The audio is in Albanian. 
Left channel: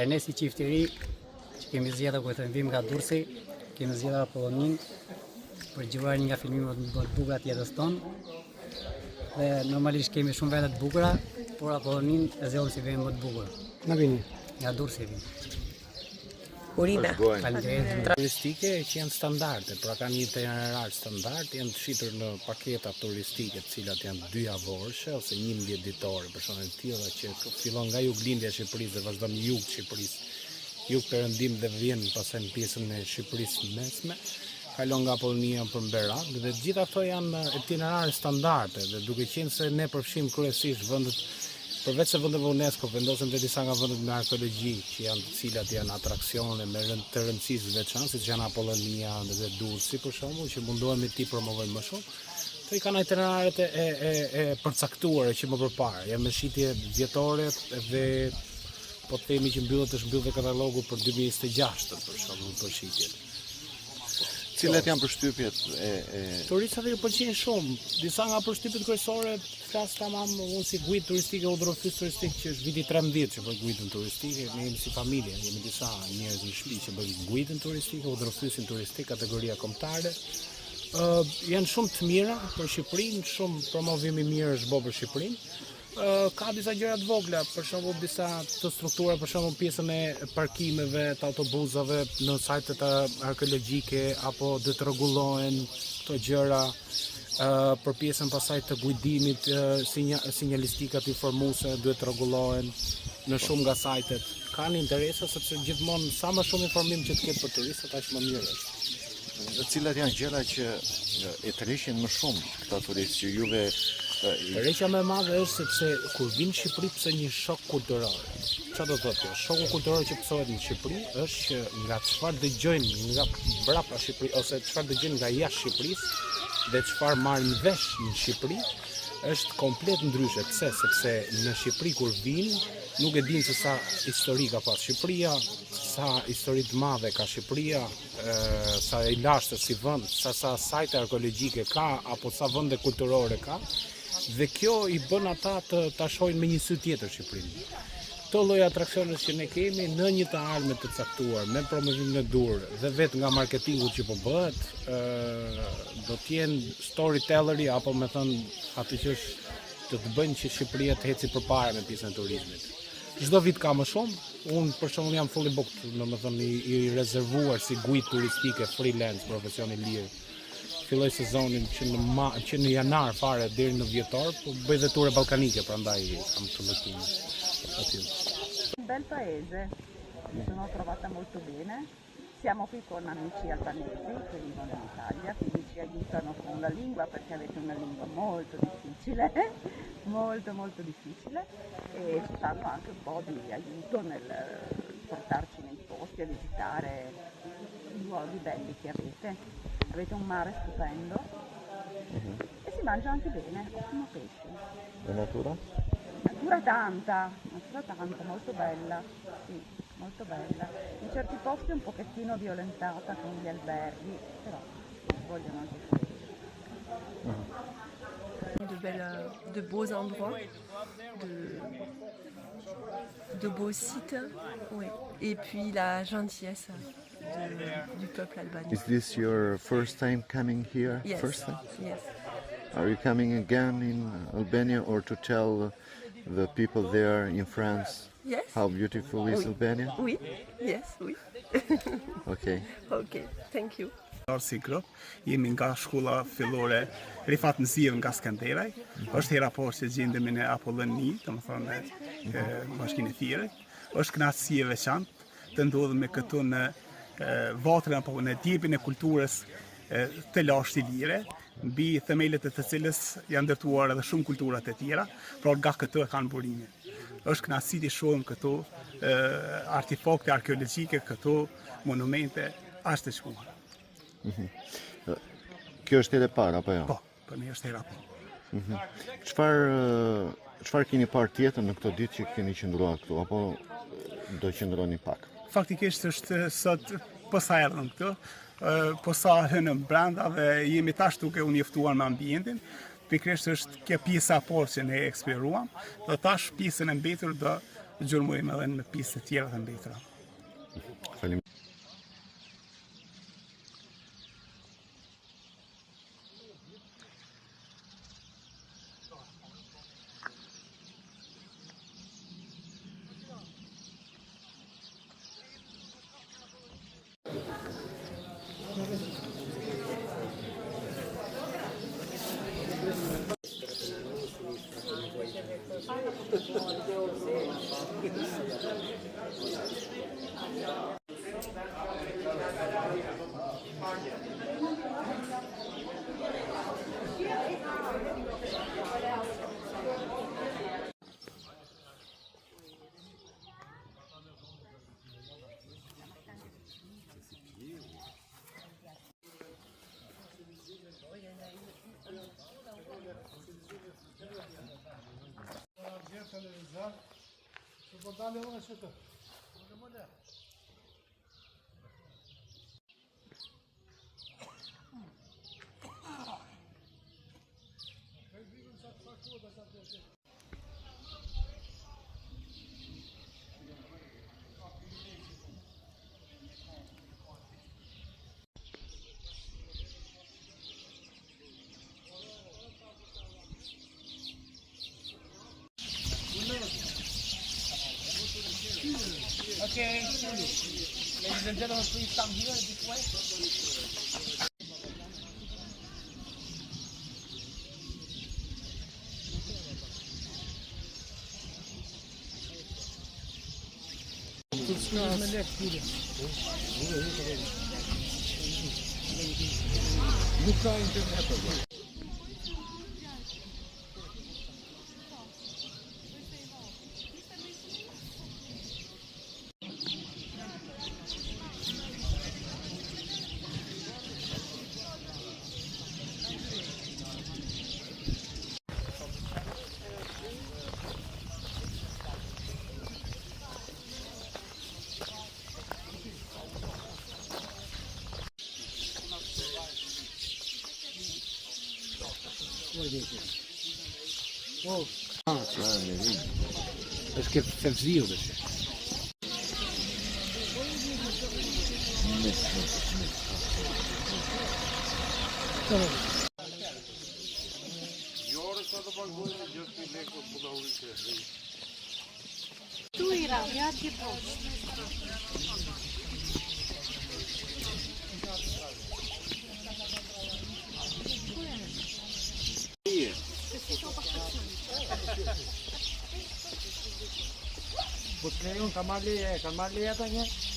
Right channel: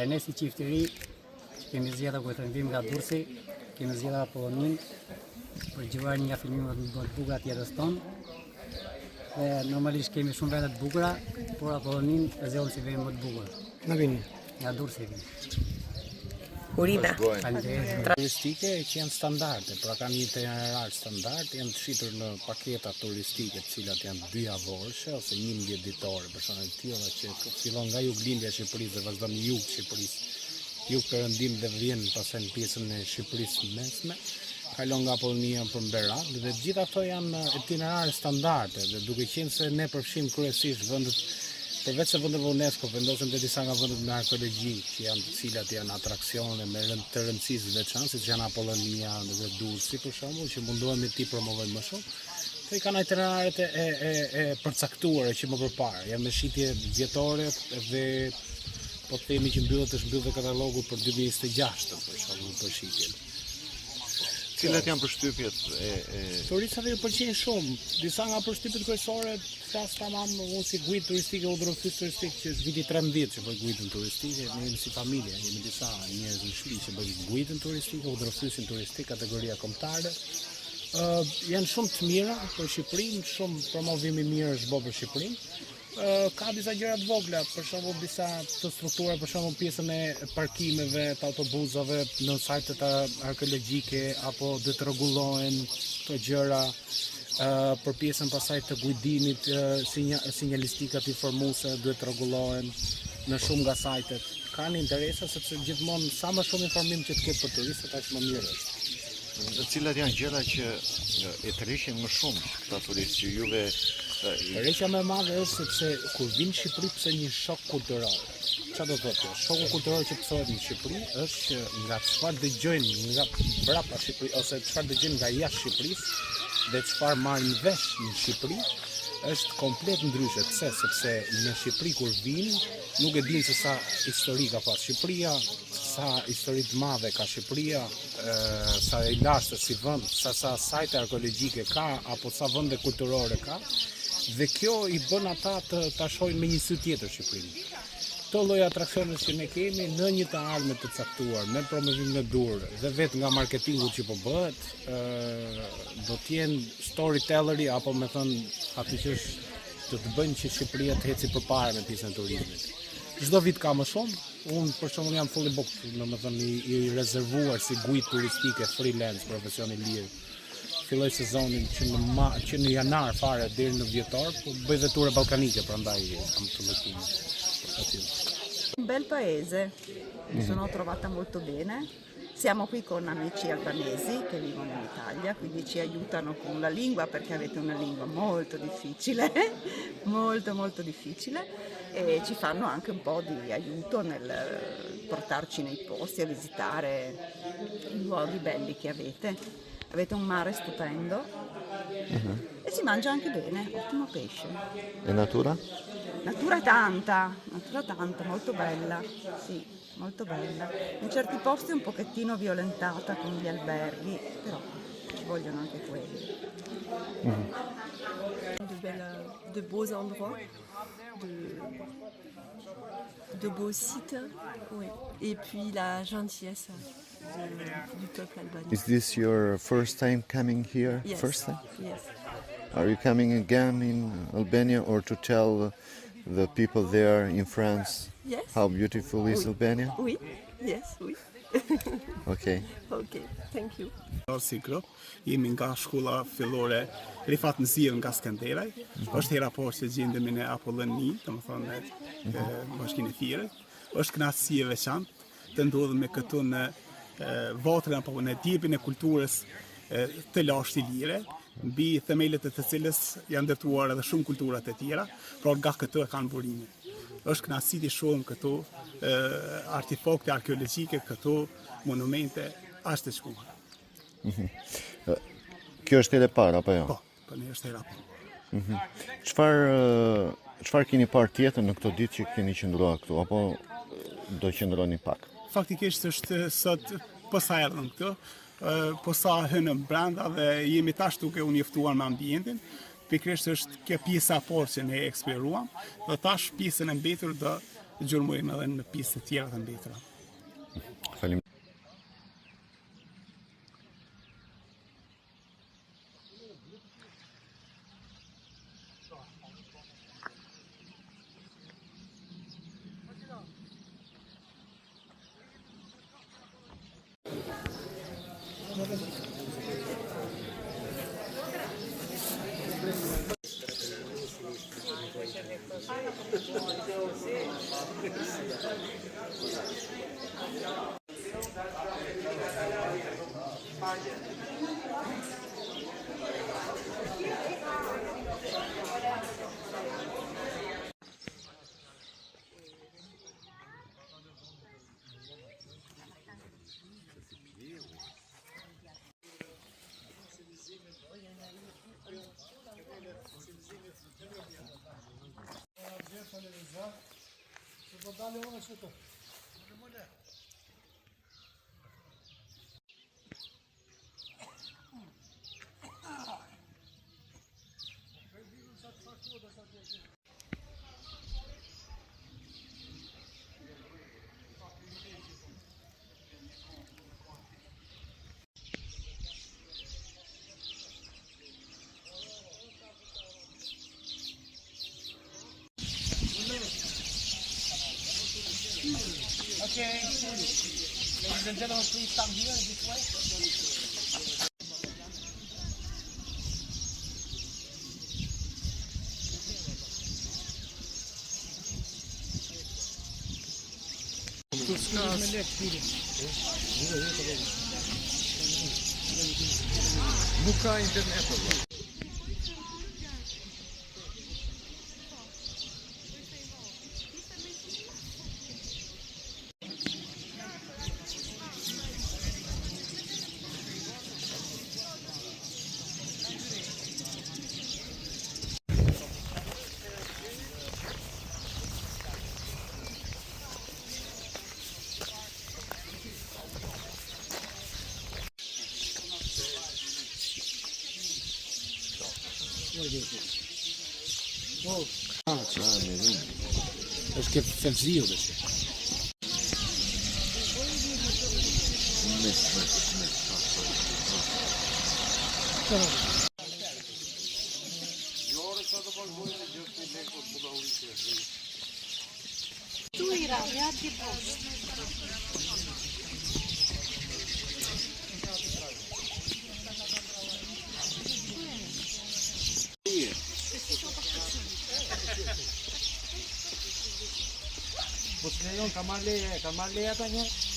Ernesti Qiftiri, që kemi zgjedhur për të ndim nga Durrësi, kemi zgjedhur Apollonin për gjëruar një nga filmimet më të bukura të jetës tonë. Dhe normalisht kemi shumë vende të bukura, por Apollonin e zgjedhëm si vend më të bukur. Nga vini? Nga Durrësi vini. Urime. Turistike që janë standarde, pra kanë një itinerar standard, janë shitur në paketa turistike të cilat janë 2 javorëshe ose 11 ditore, për shembull të tilla që fillon nga juglindja e Shqipërisë dhe vazhdon në jug të Shqipërisë, jug perëndim dhe vjen pastaj në pjesën e Shqipërisë mesme, kalon nga Apollonia për Berat, dhe të gjitha ato janë itinerare standarde, dhe duke qenë se ne përfshim kryesisht vendet përveç se vendet UNESCO, vendosen dhe disa nga vendet me arkeologji, që janë të cilat janë atraksione me të rëndësisë veçantë, siç janë Apollonia dhe Durrësi për shembull, që mundohemi ti promovojmë më shumë. Këto i kanë itineraret e përcaktuara që më përpara, janë me shitje vjetore dhe po themi që është mbyllur katalogu për 2026 për shembull për shitjen. Cilat janë përshtypjet Turistëve ju pëlqejnë shumë. Disa nga përshtypjet kryesore flas tamam unë si guid turistik, udhërues turistik që është viti 13 që bëj guidën turistike, ne jemi si familje, jemi disa njerëz në shtëpi që bëjnë guidën turistike, udhëruesin turistik kategoria kombëtare. Janë shumë të mira për Shqipërinë, shumë promovim i mirë është bërë për Shqipërinë. Ka disa gjëra të vogla, për shembull disa të struktura, për shembull pjesën e parkimeve të autobusave në sajtet arkeologjike apo duhet të rregullohen këto gjëra, për pjesën pasaj të guidimit, sinjalistikat informuese duhet të rregullohen në shumë nga sajtet. Kanë interesa sepse gjithmonë sa më shumë informim që të ketë për turistët aq më mirë është. Dhe cilat janë gjëra që e tërheqin më shumë këta turistë që juve Tërheqja më e madhe është sepse kur vinë në Shqipëri pse një shok kulturor. Çfarë do thotë kjo? Shoku kulturor që pësohet në Shqipëri është që nga çfarë dëgjojnë nga brapa Shqipëri ose çfarë dëgjojnë nga jashtë Shqipërisë dhe çfarë marrin vesh në Shqipëri është komplet ndryshe. Pse? Sepse në Shqipëri kur vinë nuk e dinë se sa histori ka pas Shqipëria, sa histori të madhe ka Shqipëria, sa e lashtë si vend, sa sajte arkeologjike ka apo sa vende kulturore ka. Dhe kjo i bën ata ta shohin me një sy tjetër Shqipërinë. Këto lloj atraksionesh që ne kemi në një të ardhme të caktuar, me promovim në dur dhe vetë nga marketingu që po bëhet, do të jenë storytelleri apo me thënë aty që të bëjnë që Shqipëria të eci përpara me pjesën e turizmit. Çdo vit ka më shumë. Unë për shembull jam fully booked, domethënë i rezervuar si guid turistike freelance, profesion i lirë. Filloj sezonin që në janar fare deri në dhjetor, po bëj dhe ture ballkanike, prandaj kam të lëtime aty. Un bel paese, mi sono trovata molto bene. Siamo qui con amici albanesi che vivono in Italia, quindi ci aiutano con la lingua perché avete una lingua molto difficile, molto difficile, e ci fanno anche un po' di aiuto nel portarci nei posti a visitare i luoghi belli che avete. Avete un mare stupendo e si mangia anche bene, ottimo pesce. e natura? Natura tanta, molto bella, sì, molto bella. In certi posti è un pochettino violentata con gli alberghi, però ci vogliono anche quelli. De beaux endroits, de beaux sites, oui. Et puis la gentillesse du peuple albanais. Is this your first time coming here? Yes. First time? Yes. Are you coming again in Albania or to tell the people there in France Yes. how beautiful is Albania? Oui. Yes. Oui. Okay. Okay. Thank you. Si grup, jemi nga shkolla fillore Rifat Nëziv nga Skanderaj. Është hera poshtë që gjendemi në Apolloni, domethënë bashkinë e Firit. Është kënaqësi e veçantë të ndodhemi këtu në vatrën apo në djepin e kulturës të lashtë lire, mbi themelet e të cilës janë ndërtuar edhe shumë kulturat e tjera, por nga këtu e kanë burimin. Është kënaqësi të shohim këtu artefakte arkeologjike, këtu monumente ashtë të shkuara. Kjo është hera e parë apo jo? Po, për ne është hera e parë. Çfarë keni parë tjetër në këto ditë që keni qëndruar këtu apo do qëndroni pak? Faktikisht është sot po sa erdhëm këtu, po sa hënëm brenda dhe jemi tash duke u njoftuar me ambientin. Pikërisht është kjo pjesa e parë që ne eksploruam, dhe tash pjesën e mbetur do gjurmojmë edhe në pistë të tjera të mbetura. Falim. Okay, ladies and gentlemen, please come here this way. Nuk ka internet apo? Est-ce que c'est frio dessus? Po të lejon ka marrë leje ato një?